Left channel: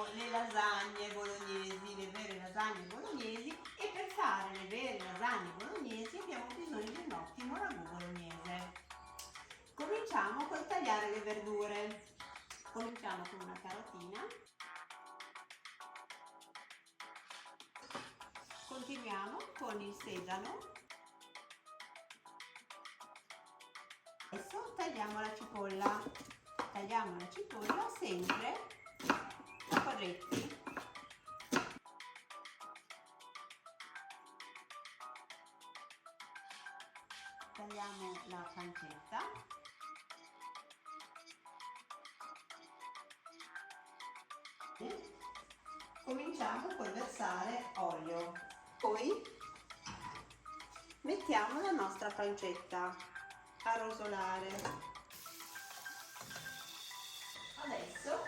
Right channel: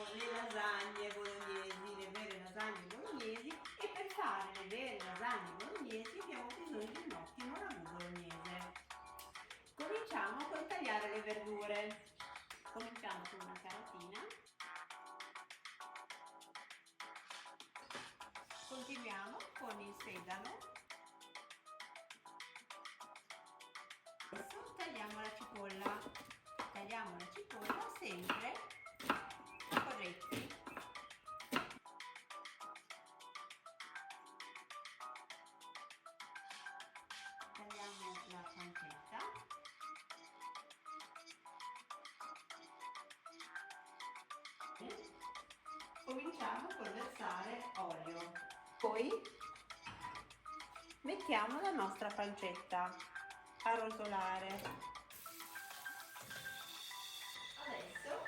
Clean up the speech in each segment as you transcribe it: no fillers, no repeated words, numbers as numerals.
facciamo le lasagne bolognesi, le vere lasagne bolognesi, e per fare le vere lasagne bolognesi abbiamo bisogno di un ottimo ragù bolognese. Cominciamo col tagliare le verdure. Cominciamo con una carotina, continuiamo con il sedano, adesso tagliamo la cipolla sempre a corretti. Tagliamo la pancetta. Cominciamo col versare olio, poi mettiamo la nostra pancetta a rosolare. Adesso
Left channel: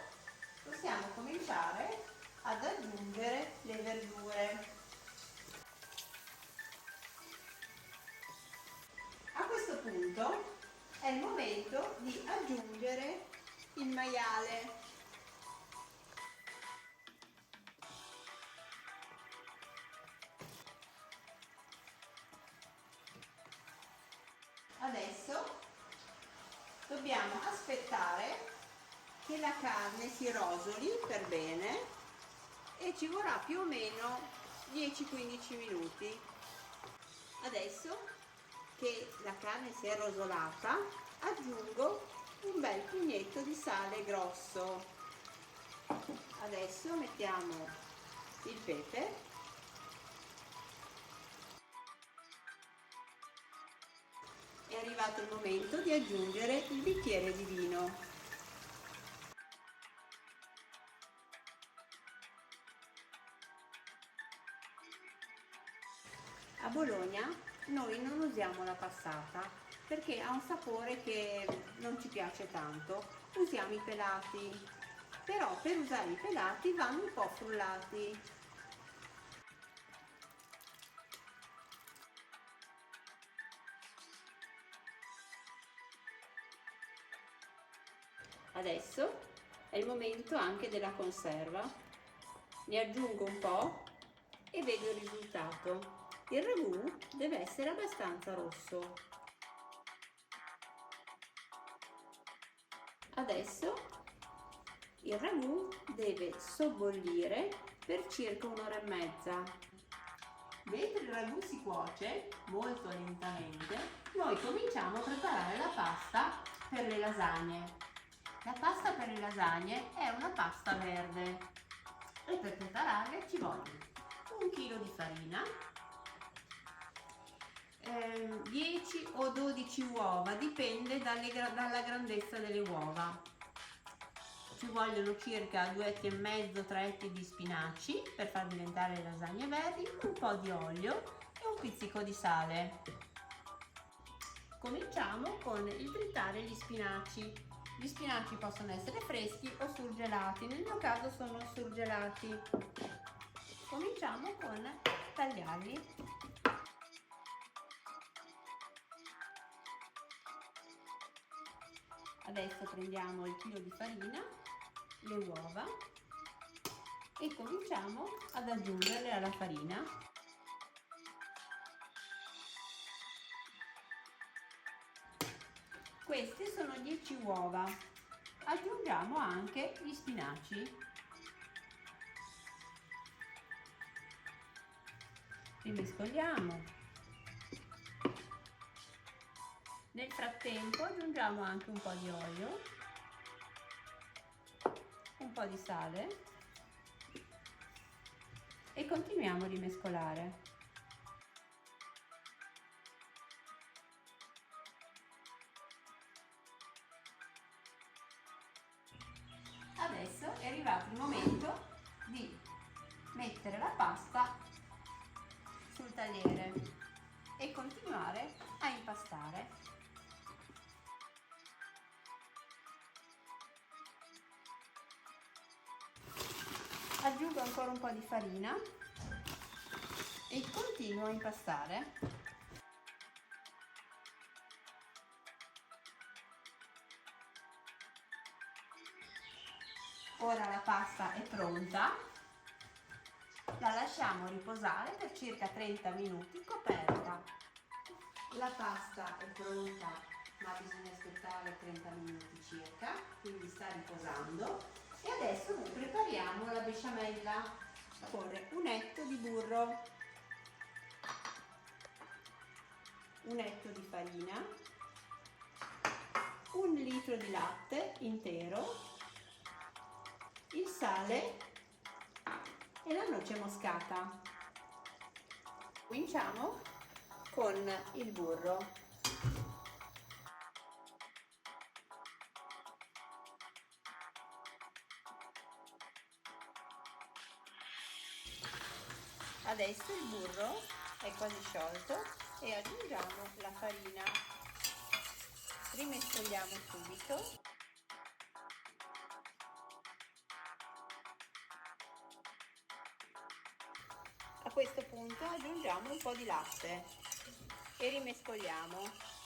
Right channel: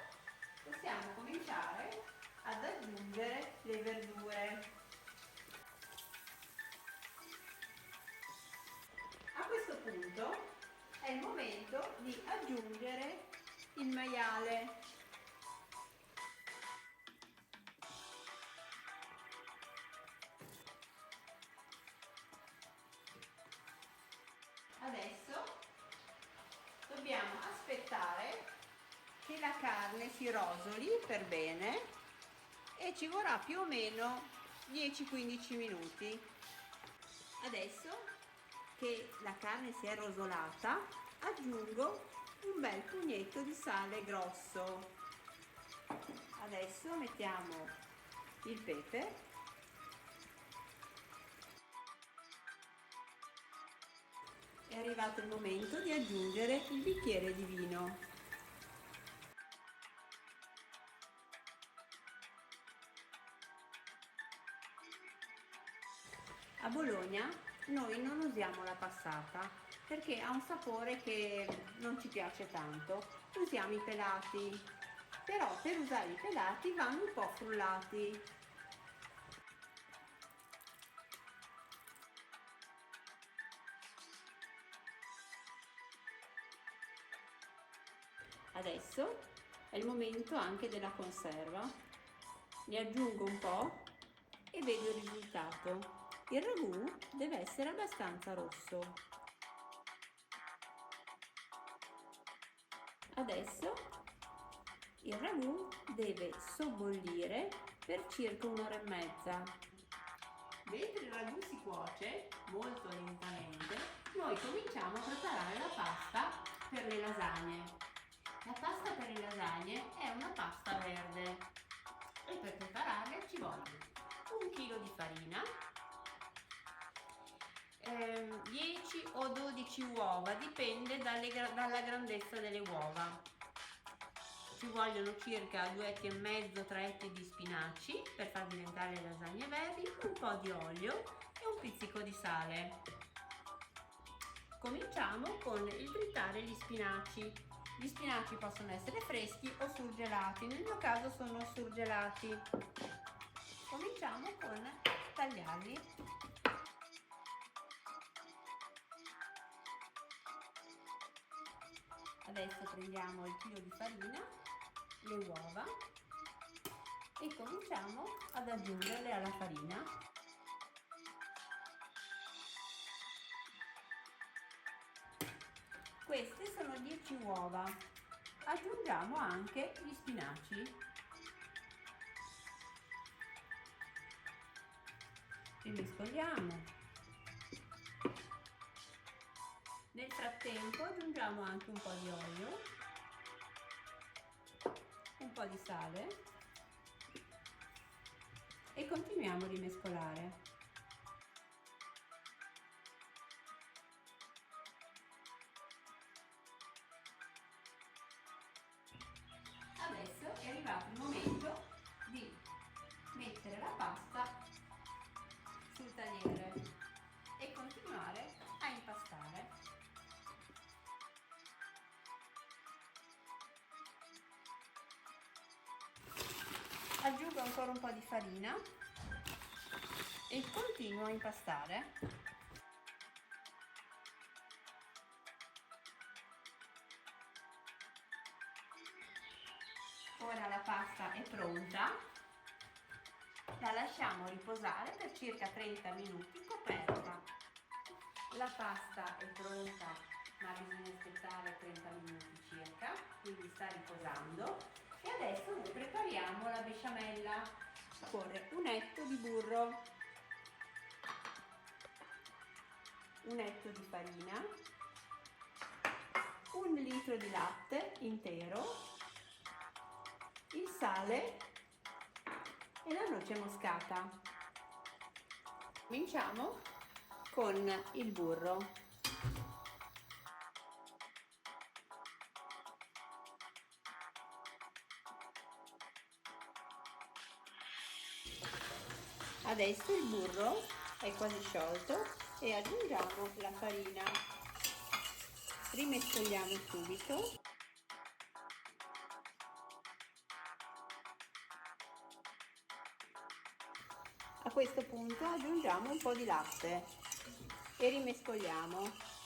possiamo cominciare ad aggiungere le verdure. A questo punto è il momento di aggiungere il maiale. Adesso dobbiamo aspettare che la carne si rosoli per bene e ci vorrà più o meno 10-15 minuti. Adesso che la carne si è rosolata, aggiungo un bel pugnetto di sale grosso. Adesso mettiamo il pepe. È arrivato il momento di aggiungere il bicchiere di vino. A Bologna noi non usiamo la passata perché ha un sapore che non ci piace tanto. Usiamo i pelati, però per usare i pelati vanno un po' frullati. Adesso è il momento anche della conserva. Ne aggiungo un po' e vedo il risultato. Il ragù deve essere abbastanza rosso. Adesso il ragù deve sobbollire per circa un'ora e mezza. Mentre il ragù si cuoce molto lentamente, noi cominciamo a preparare la pasta per le lasagne. La pasta per le lasagne è una pasta verde e per prepararla ci vogliono 1 chilo di farina, 10 o 12 uova, dipende dalla grandezza delle uova. Ci vogliono circa 2 etti e mezzo, 3 etti di spinaci per far diventare le lasagne verdi, un po' di olio e un pizzico di sale. Cominciamo con il tritare gli spinaci. Gli spinaci possono essere freschi o surgelati, nel mio caso sono surgelati. Cominciamo con tagliarli. Adesso prendiamo il chilo di farina, le uova e cominciamo ad aggiungerle alla farina. Queste sono 10 uova. Aggiungiamo anche gli spinaci. Rimescoliamo. Nel frattempo aggiungiamo anche un po' di olio, un po' di sale e continuiamo a rimescolare. Adesso è arrivato il momento di mettere la pasta sul tagliere e continuare a impastare. Aggiungo ancora un po' di farina e continuo a impastare. Ora la pasta è pronta, la lasciamo riposare per circa 30 minuti coperta. La pasta è pronta, ma bisogna aspettare 30 minuti circa, quindi sta riposando. E adesso noi prepariamo la besciamella. Occorre un etto di burro, un etto di farina, 1 litro di latte intero, il sale e la noce moscata. Cominciamo con il burro. Adesso il burro è quasi sciolto e aggiungiamo la farina. Rimescoliamo subito. A questo punto aggiungiamo un po' di latte e rimescoliamo.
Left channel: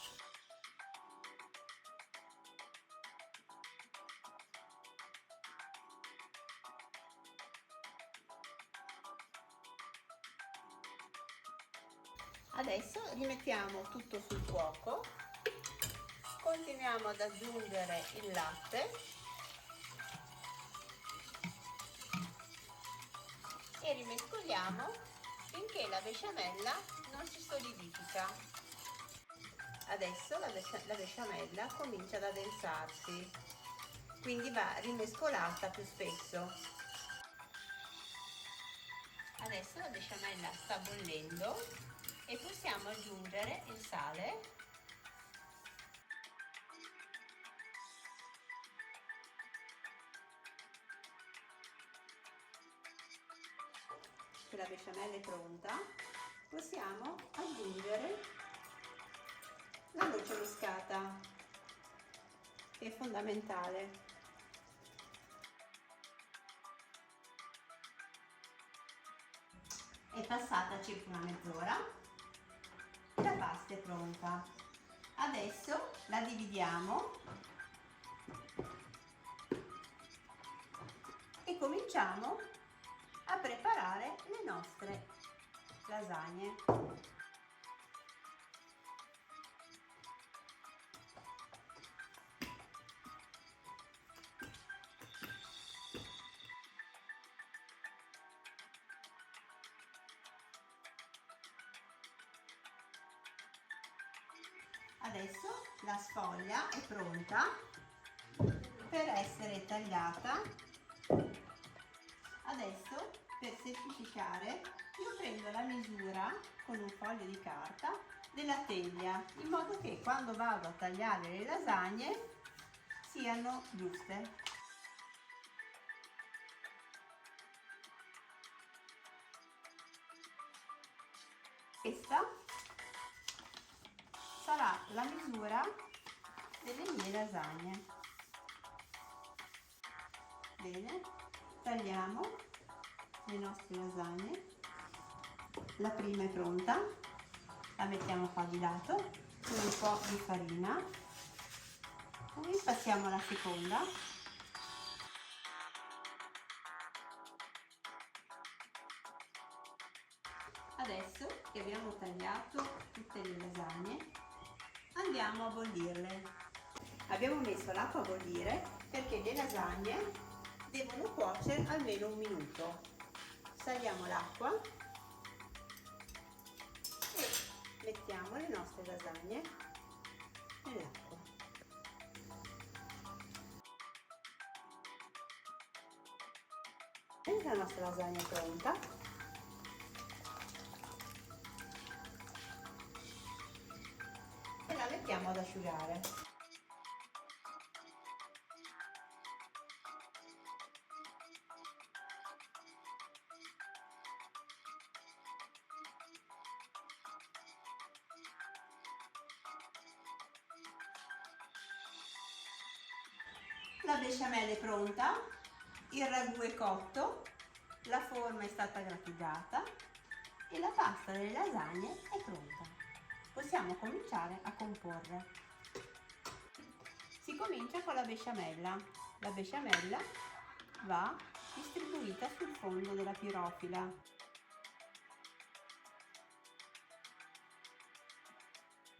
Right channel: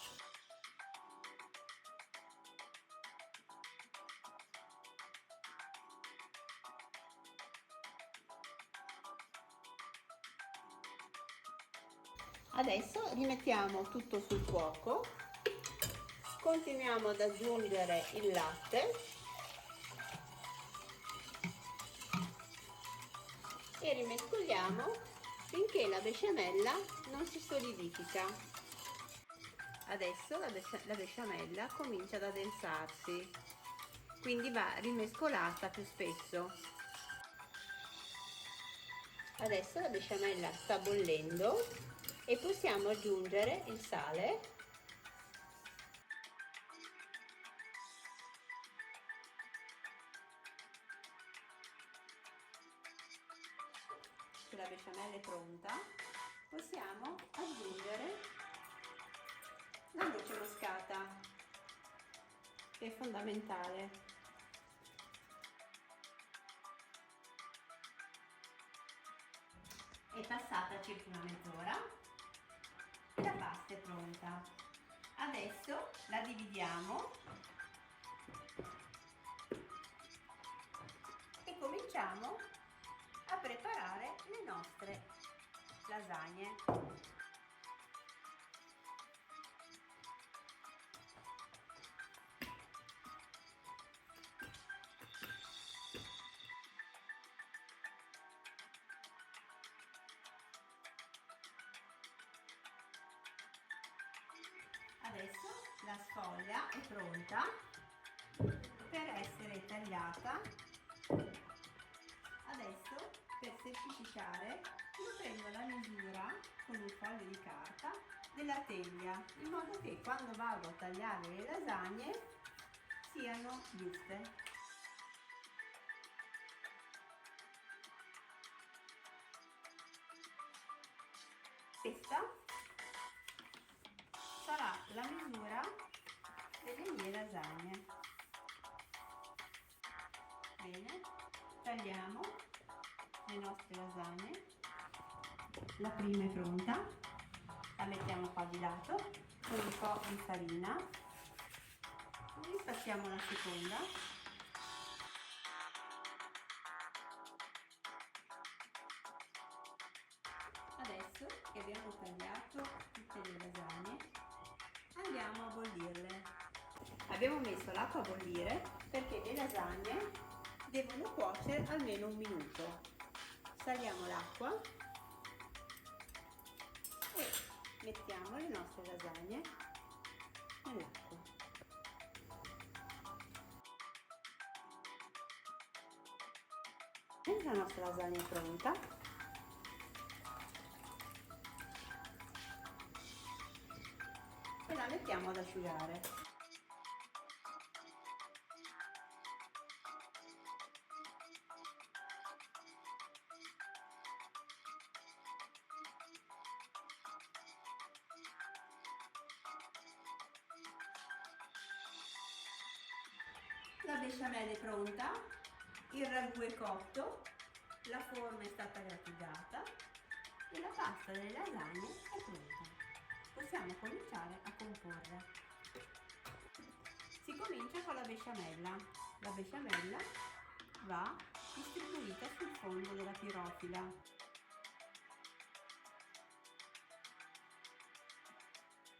Adesso rimettiamo tutto sul fuoco, continuiamo ad aggiungere il latte e rimescoliamo finché la besciamella non si solidifica. Adesso la besciamella comincia ad addensarsi, quindi va rimescolata più spesso. Adesso la besciamella sta bollendo e possiamo aggiungere il sale che la besciamella è pronta. Possiamo aggiungere la noce moscata, che è fondamentale. È passata circa una mezz'ora. La pasta è pronta. Adesso la dividiamo e cominciamo a preparare le nostre lasagne. Adesso la sfoglia è pronta per essere tagliata. Adesso, per semplificare, io prendo la misura con un foglio di carta della teglia, in modo che quando vado a tagliare le lasagne siano giuste. Questa sarà la misura delle mie lasagne. Bene, tagliamo le nostre lasagne. La prima è pronta, la mettiamo qua di lato con un po' di farina, poi passiamo alla seconda. Adesso che abbiamo tagliato tutte le lasagne, andiamo a bollirle. Abbiamo messo l'acqua a bollire perché le lasagne devono cuocere almeno 1 minuto. Saliamo l'acqua e mettiamo le nostre lasagne nell'acqua. La nostra lasagna è pronta. E la mettiamo ad asciugare. La besciamella è pronta, il ragù è cotto, la forma è stata grattugiata e la pasta delle lasagne è pronta. Possiamo cominciare a comporre. Si comincia con la besciamella. La besciamella va distribuita sul fondo della pirofila.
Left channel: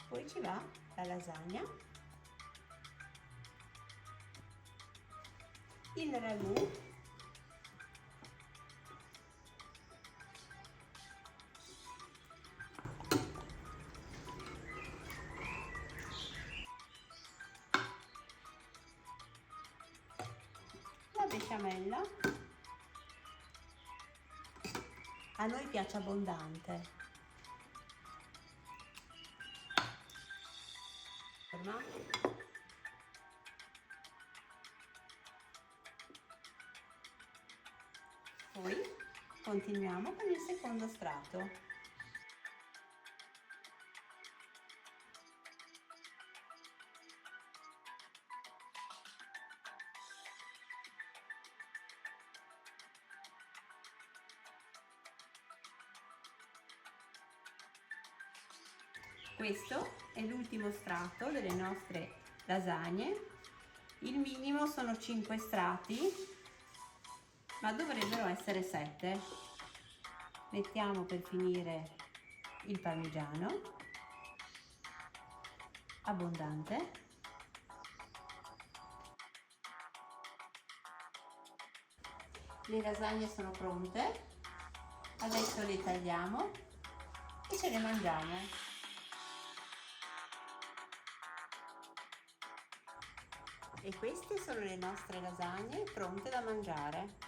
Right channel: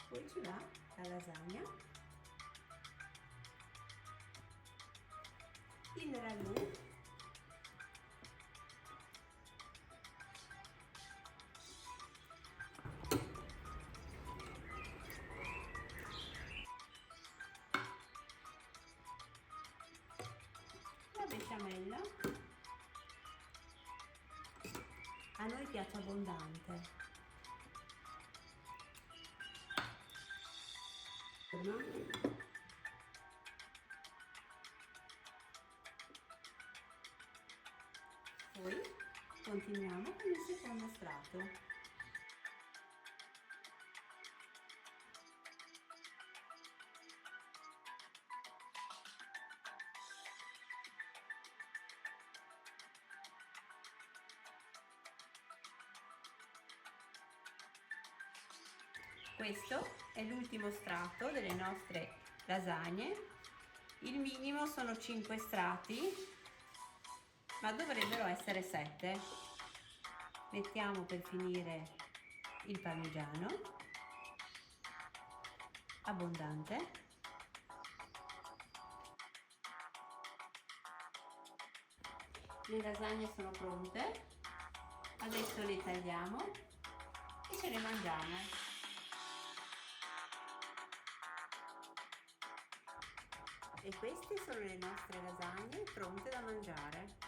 Poi ci va la lasagna, il ragù, la besciamella, a noi piace abbondante, poi continuiamo con il secondo strato. Questo è l'ultimo strato delle nostre lasagne. Il minimo sono 5 strati, ma dovrebbero essere 7. Mettiamo per finire il parmigiano, abbondante. Le lasagne sono pronte, adesso le tagliamo e ce le mangiamo. E queste sono le nostre lasagne pronte da mangiare.